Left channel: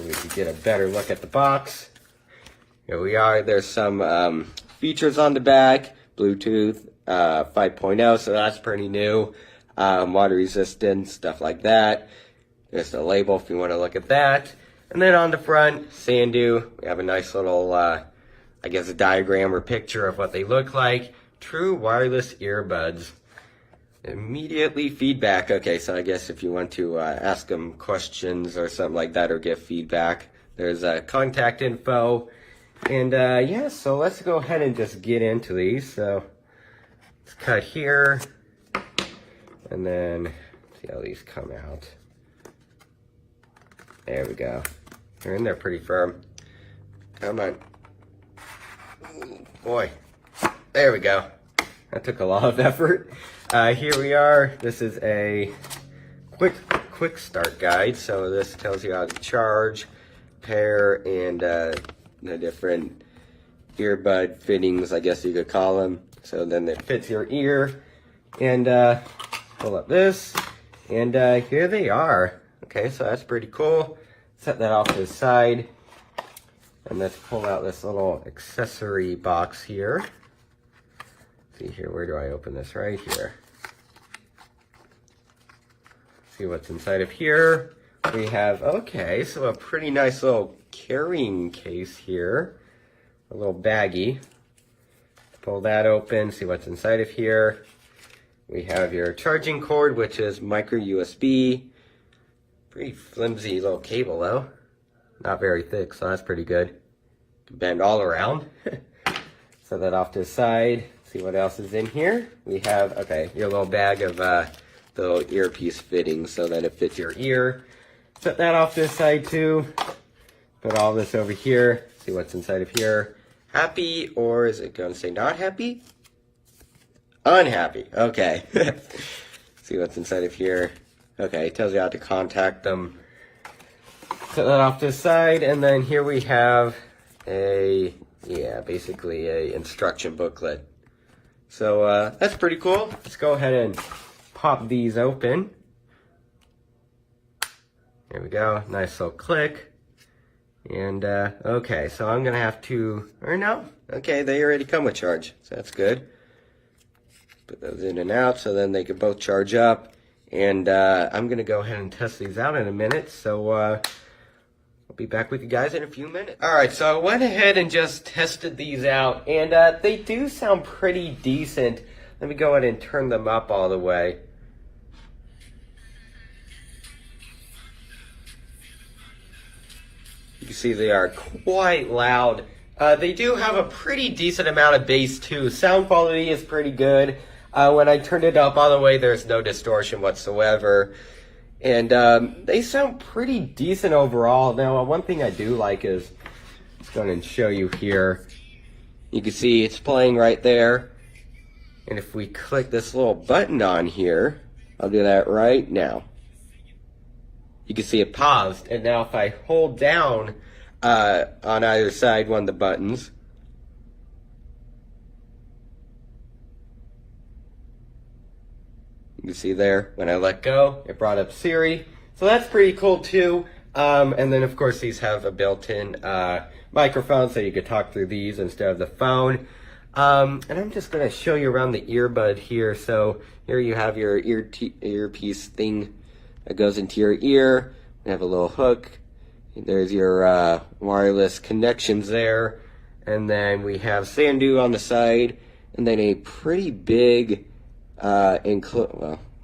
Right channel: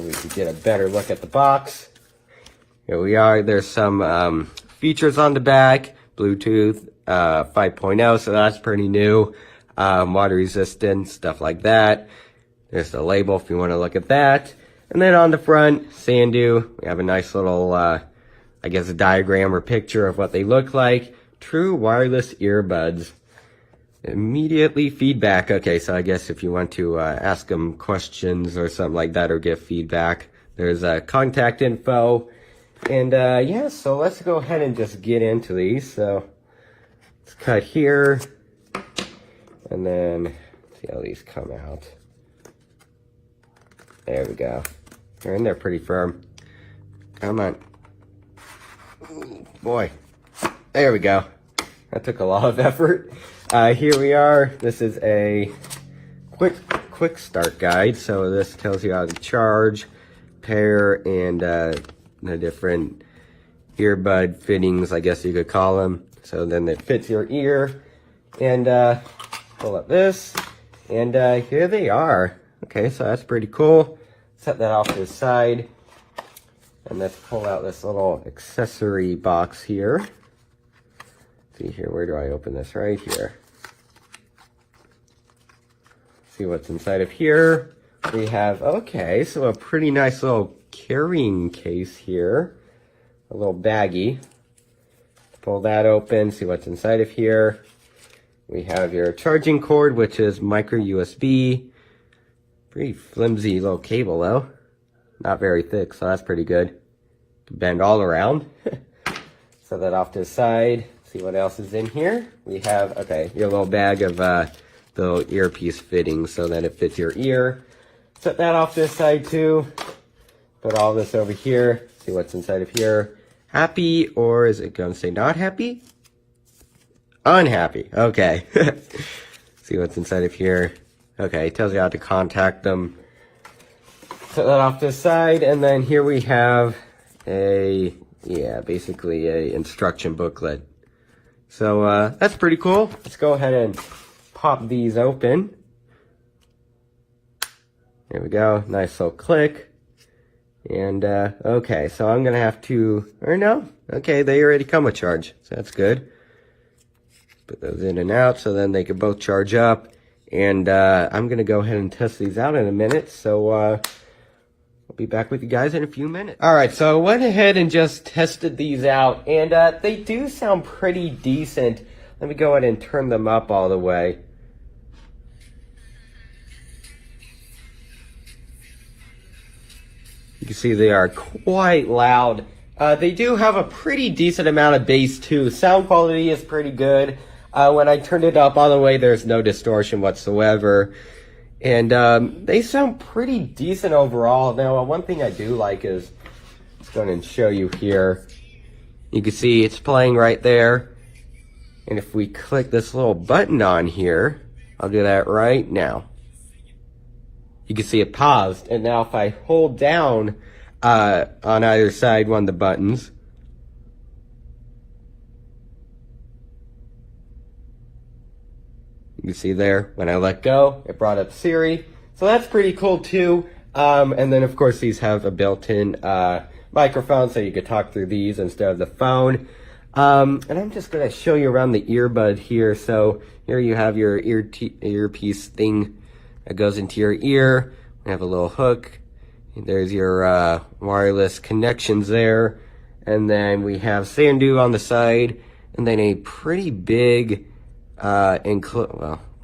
so we can get a better look at the box. Here we are. There's some features on the back. Bluetooth 5.0, so that's pretty new. Water resistant, stuff like that. There's the label if you want to look at that. And then on the front, Sandoo. We have a nice little, I guess, a diagram or picture of what they look like. True wireless earbuds. Immediately feedback. Okay, so I guess if you want to ask them questions or something like that or get feedback, there's contact info. And yeah, so let's go ahead and just get into these. So let's cut here, and then see how these come out. There we go. They're in there pretty firm. Come on. Boy, there we go. That took a lot of effort. Here we are. This is a quick start guide. So this tells you how to charge, pair, and the different earbud fittings, I guess you could call them. So then it fits your ear. And pull up this, and here they are. Okay, so that's pretty cool. Set that off to the side, and let's pull out this little accessory box here. See here, where do I open this? Right here. See what's inside of here. We have, okay, so a pretty nice little carrying case here. A little baggie. Pull that open, see what's inside of here. We have your charging cord, which is micro USB. Pretty flimsy little cable though. Not very thick, so that's pretty good. To bend all around. Set that off to the side. See what else is in here. We have, okay, your little bag of the earpiece fittings so that it fits your ear. Set that off to the side too. Put all this over here. See what's inside of here. Happy, or is it going to say not happy? Unhappy. Okay. See what's inside of here. Okay, it tells you how to contact them. Set that off to the side, and then here we have a, yeah, basically a instruction booklet. So that's pretty cool. Let's go ahead and pop these open. There we go. Nice little click. And okay, so I'm gonna have to, or no, okay, they already come with charge, so that's good. Put those in and out so then they can both charge up. And I'm gonna go ahead and test these out in a minute, so I'll be back with you guys in a few minutes. All right, so I went ahead and just tested these out, and they do sound pretty decent. Let me go ahead and turn them up all the way. You can see they are quite loud. They do have a pretty decent amount of bass too. Sound quality is pretty good. When I turned it up all the way, there's no distortion whatsoever. And they sound pretty decent overall. Now, one thing I do like is, let's go ahead and show you here. You can see it's playing right there. And if we click this little button on here, I'll do that right now. You can see it paused, and now if I hold down on either side one of the buttons, you can see there, when I let go, it brought up Siri. So that's pretty cool too. And then of course these have a built-in microphone, so you could talk through these instead of the phone. And I'm just gonna show you around the earbud here. So here you have your earpiece thing that goes into your ear. You have a little hook. There's your wireless connections there. And then we have Sandoo on the side. And then a pretty big, well,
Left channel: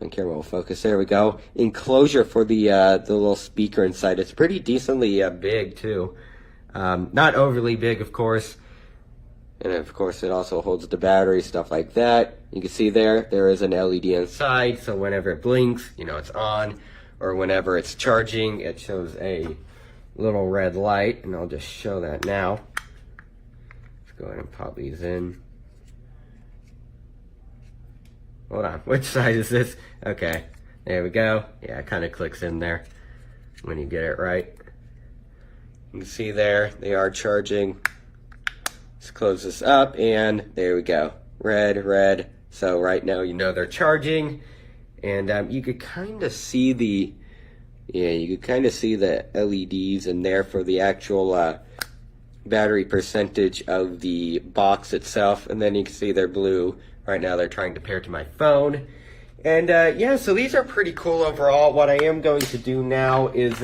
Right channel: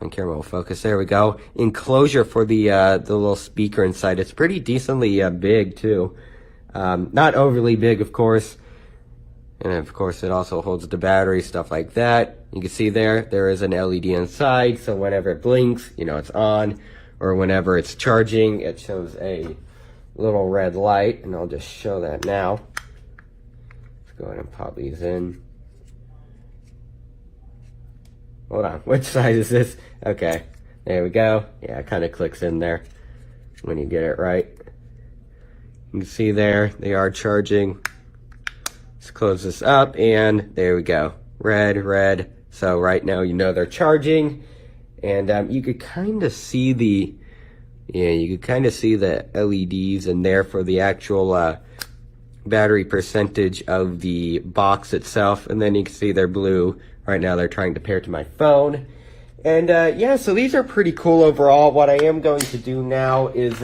on camera will focus. There we go. Enclosure for the little speaker inside. It's pretty decently big too. Not overly big, of course. And of course it also holds the battery, stuff like that. You can see there is an LED inside, so whenever it blinks, you know it's on. Or whenever it's charging, it shows a little red light, and I'll just show that now. Let's go ahead and pop these in. Hold on, which side is this? Okay, there we go. Yeah, it kind of clicks in there when you get it right. You can see there, they are charging. Let's close this up, and there we go. Red, red. So right now you know they're charging. And you could kind of see the Yeah, you can kind of see the LEDs in there for the actual battery percentage of the box itself, and then you can see they're blue. Right now they're trying to pair to my phone. And yeah, so these are pretty cool overall. What I am going to do now is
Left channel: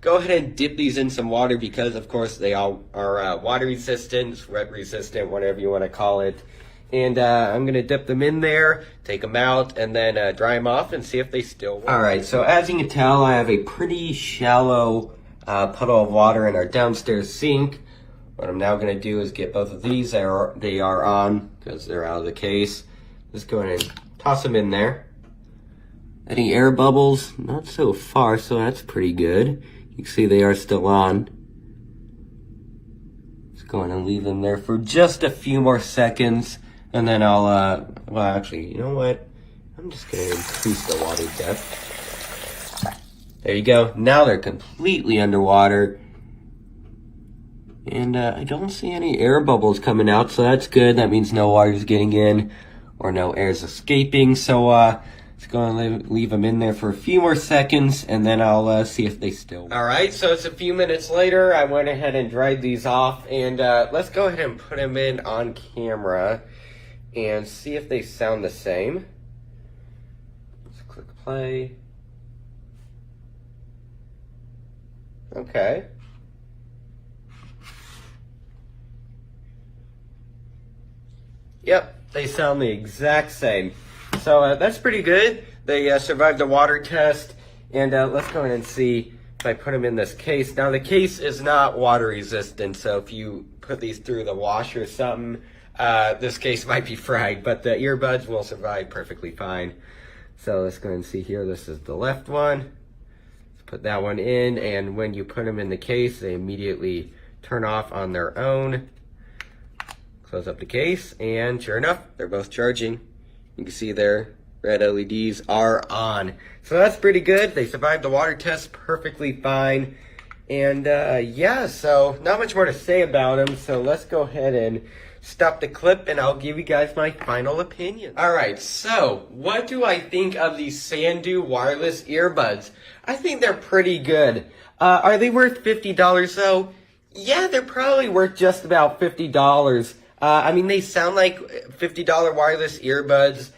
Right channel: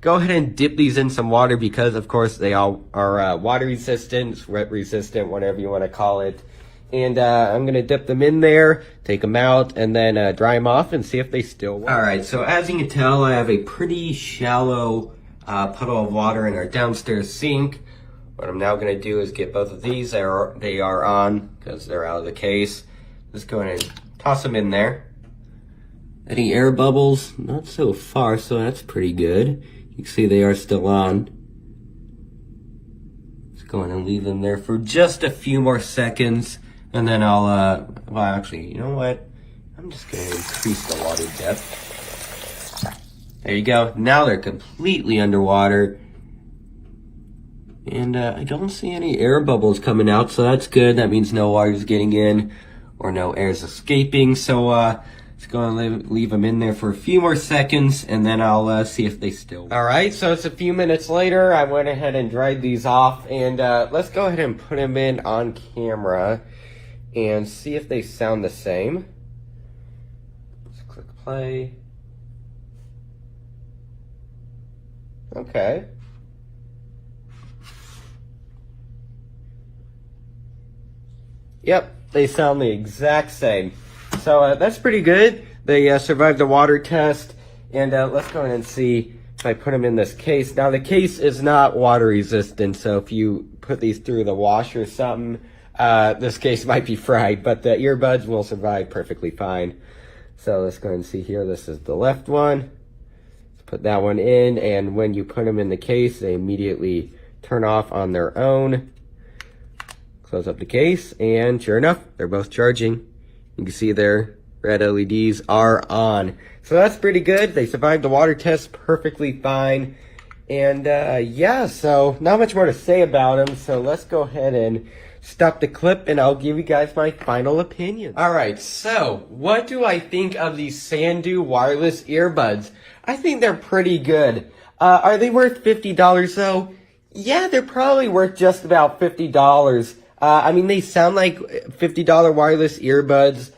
go ahead and dip these in some water because, of course, they all are water resistant, wet resistant, whatever you want to call it. And I'm going to dip them in there, take them out, and then dry them off and see if they still work. All right, so as you can tell, I have a pretty shallow puddle of water in our downstairs sink. What I'm now going to do is get both of these. They are on because they're out of the case. Let's go ahead and toss them in there. Any air bubbles? Not so far, so that's pretty good. You can see they are still on. Let's go ahead and leave them there for just a few more seconds. And then I'll, well, actually, you know what? I'm just going to increase the water depth. There you go. Now they're completely underwater. And I don't see any air bubbles coming out, so that's good. That means no water's getting in or no air's escaping. So let's go and leave them in there for a few more seconds, and then I'll see if they still work. All right, so it's a few minutes later. I went ahead and dried these off, and let's go ahead and put them in on camera and see if they sound the same. Let's click play. Okay. Yep, they sound the exact same. So that's pretty good. They survived the water test. And let's go ahead and see if I put them in this case. Now the case is not water resistant, so if you put these through the wash or something, this case might be fried, but the earbuds will survive perfectly fine. So let's go ahead and see here. This is the left one. Let's put that one in, and when you put them in the case, they immediately turn off on their own. Close up the case, and sure enough, they're both charging. You can see their red LEDs are on. So that's pretty good. They survived the water test perfectly fine. And yeah, so not much more to say about them. So let's go ahead and stop the clip, and I'll give you guys my final opinion. All right, so what do I think of these Sandoo wireless earbuds? I think they're pretty good. Are they worth $50 though? Yeah, they're probably worth just about $50. I mean, they sound like $50 wireless earbuds.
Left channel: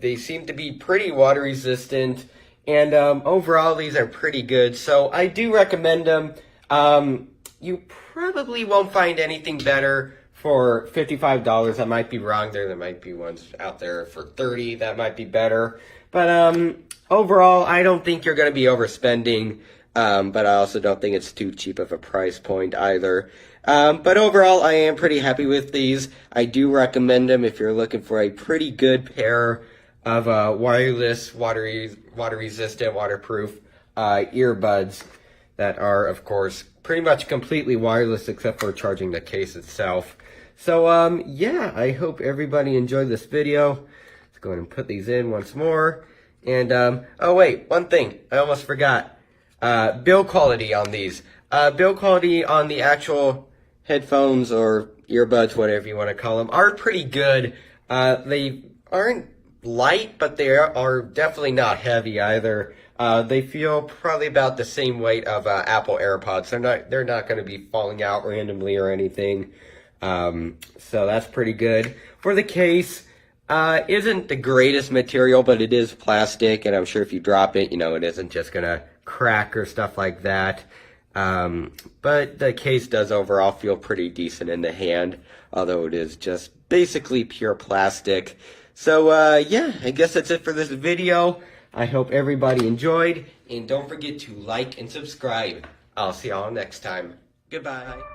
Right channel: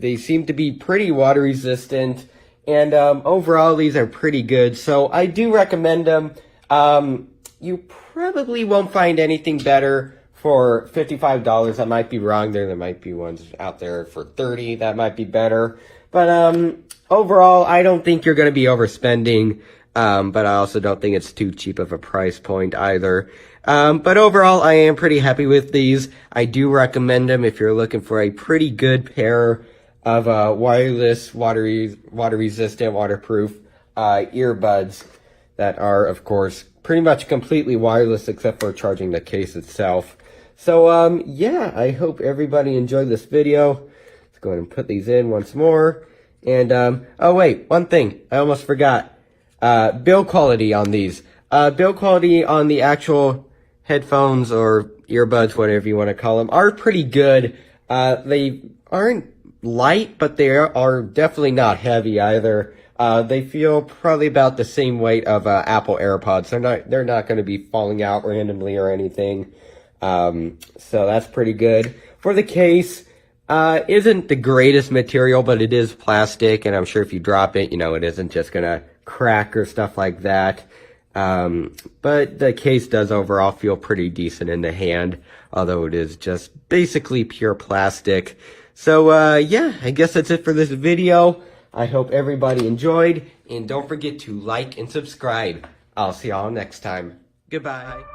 They seem to be pretty water resistant, and overall these are pretty good. So I do recommend them. You probably won't find anything better for $55. I might be wrong. There might be ones out there for $30 that might be better. But overall, I don't think you're going to be overspending. But I also don't think it's too cheap of a price point either. But overall, I am pretty happy with these. I do recommend them if you're looking for a pretty good pair of wireless, water-resistant, waterproof earbuds that are, of course, pretty much completely wireless except for charging the case itself. So, yeah, I hope everybody enjoyed this video. Let's go ahead and put these in once more. And, oh wait, one thing, I almost forgot. Build quality on these. Build quality on the actual headphones or earbuds, whatever you want to call them, are pretty good. They aren't light, but they are definitely not heavy either. They feel probably about the same weight of Apple AirPods. They're not going to be falling out randomly or anything. So that's pretty good. For the case, isn't the greatest material, but it is plastic, and I'm sure if you drop it, you know, it isn't just going to crack or stuff like that. But the case does overall feel pretty decent in the hand, although it is just basically pure plastic. So, yeah, I guess that's it for this video. I hope everybody enjoyed, and don't forget to like and subscribe. I'll see y'all next time. Goodbye.